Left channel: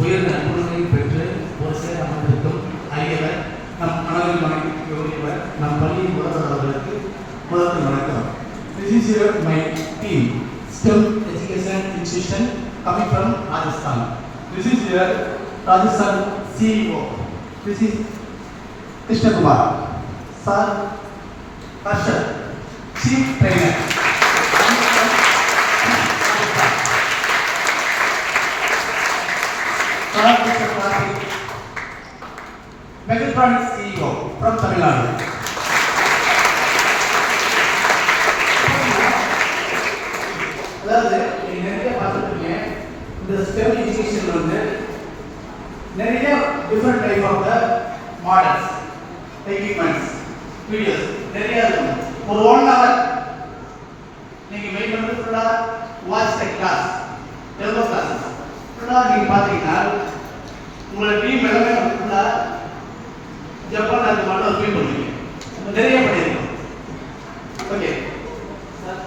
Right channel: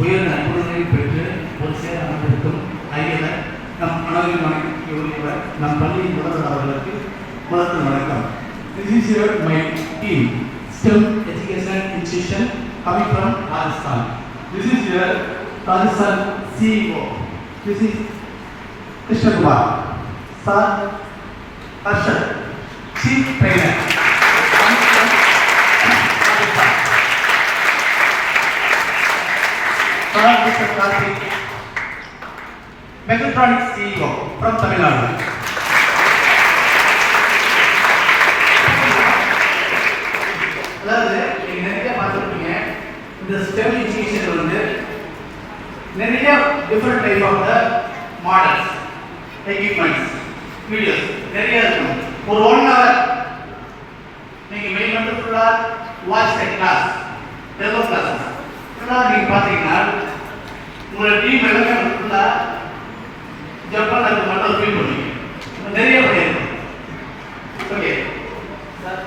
உயர்ந்த நற்பண்புகளை பெற்று ஒரு சேர அமர்ந்திருக்கும் ஐயவர் நம் மனதில் வணங்கியவர் நம் பள்ளியின் முதல்வர் அவர்களுக்கு முதல் வணக்கம். This is your my team, STEM Education Institution coming from Rajasthan. This is your Rajasthan CEO. This is Krishna Kumar. Sir Harshad, Chief Trainer. Mr. Karthik, Mechatronics CEO from Tamil Nadu. அதாவது நீங்க நிறைய பார்த்துருப்பீங்க இந்த stem education வந்து நிறைய different type of the models equipments videos நிறைய இருக்கும். ஒரு 1 hour நீங்க மெயின் வந்து ஃபுல்லாக watch the class demo classes ஃபுல்லாக நீங்கள் பார்த்தீங்கன்னா உங்களோட டீம் எல்லாமே ஃபுல்லாக ஜப்பான் மட்டும் ஃபீல் பண்ணுவீங்க. நிறைய பண்ணியிருக்கோம். Okay sir